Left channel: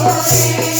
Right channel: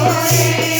Glory.